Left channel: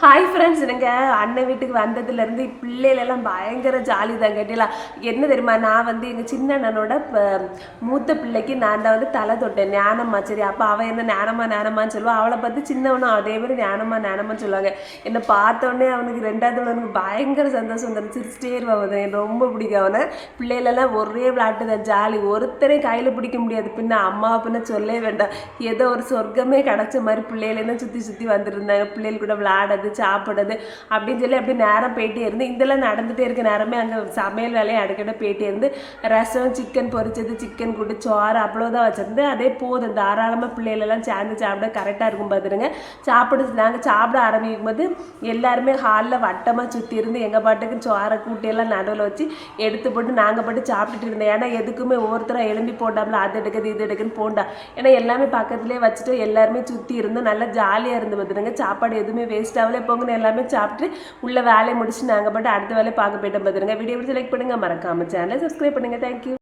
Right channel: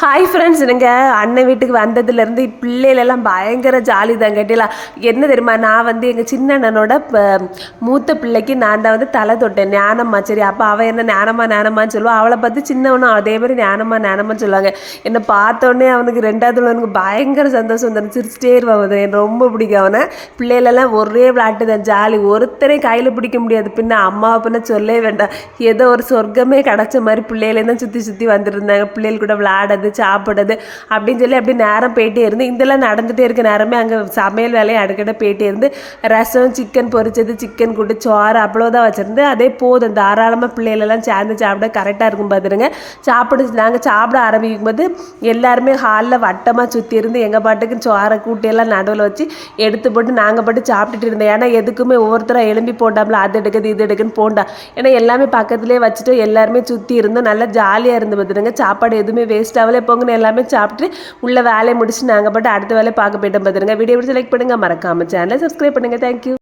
Hi friends எனக்கு அண்ணன் வீட்டுக்கு வந்ததுலேருந்து பிள்ளைகளெல்லாம் பயங்கர ஜாலி தான் கேட்டீங்களா? என்ன தெரியுமா? நான் வந்து எங்கள் சின்ன அண்ணனோட ப- மூத்த பிள்ளைக்கு நான் தான் வந்து தலை தொட்டேன். ஞானம்மா சரி அப்போ அவள் என்ன ஞானம்மா ஞானம்மான்னு சொல்லுவாள் அவளை பார்த்து சின்னவனும் அதே மாதிரி ஞானம்மா ஞானம்மான்னு சொல்லுவாங்க. என்னை பார்த்தோன்னே அவனுக்கு ரெண்டாவது அவனுக்கு பயங்கர சந்தோஷம் தான் சிரிச்சிட்டே இருவான் அவன் எனக்கு ரொம்ப பிடிக்கும் அவனை. பிள்ளைகளெல்லாம் ஒரே விளையாட்டு தான் ஜாலி. ஒருத்தரையும் கையில் பிடிக்க முடியாது. பின்ன அம்மாவை பின்ன சொல்லவே வேண்டாம். ஏதோ ஒரு சொர்க்கமே கிடச்ச மாதிரி பிள்ளைகளே தான் சுற்றி சுற்றி வந்துருந்தாங்க பிள்ளைகள் கூட விளையாடுறது சாப்பிடுறது அப்படின்னு சொல்லி அப்படி நேரம் போயிட்டே இருந்து இதெல்லாம் நடந்துகிட்டே இருக்க நேரமே அங்கே சமையல் வேலையை அடுக்கட போயிட்டே இருந்து ரசம் சிக்கன் பொரிச்சது சிக்கன் கூட்டு சோறு அவ்வளோதான் வச்சுருந்து அதே போதும். தாராளமாக பிள்ளைகளெல்லாம் சேர்ந்து சாப்பிட கரெக்டாக இருக்கும் பார்த்துருங்க சாப்பிடு நாங்கள் சாப்பிட ஆரம்பிக்கும் போது எல்லாருமே ஹாலில் வட்டமாக சுற்றி இருந்து எங்கள் பாட்டுக்கு சோறை கூட்டியெல்லாம் நடுவில் வச்சு எடுத்து போட்டு நாங்கள் பாட்டு சாப்பிட்டுட்டு இருந்தோம். ஏன்னா எதுக்குமே ஒவ்வொருத்தராக எலும்பி போட்டாமல் அது எடுக்குது இது எடுக்குன்னு போண்டா. ஏன்னா எல்லாமே பக்கத்துலேயே வச்சுட்டு எல்லாருமே சுற்றி இருந்தோம். நல்லா ஜாலியாக இருந்து பார்த்துருங்க சாப்பாடு எதுவுமே வேஸ்ட்டாக ஆகல போங்கன்னு எல்லாமே சாப்பிட்டு உள்ள வேலையை முடிச்சு நாங்கள் பட்டு அடுத்த வேலையை பார்க்க போயிட்டோம். பார்த்துருங்க. வீடியோ பிடிச்சி லைக் பண்ணுங்கள் மறக்காமல் சேனலை சப்ஸ்கிரைப் பண்ணுங்கள் தேங்க்யூ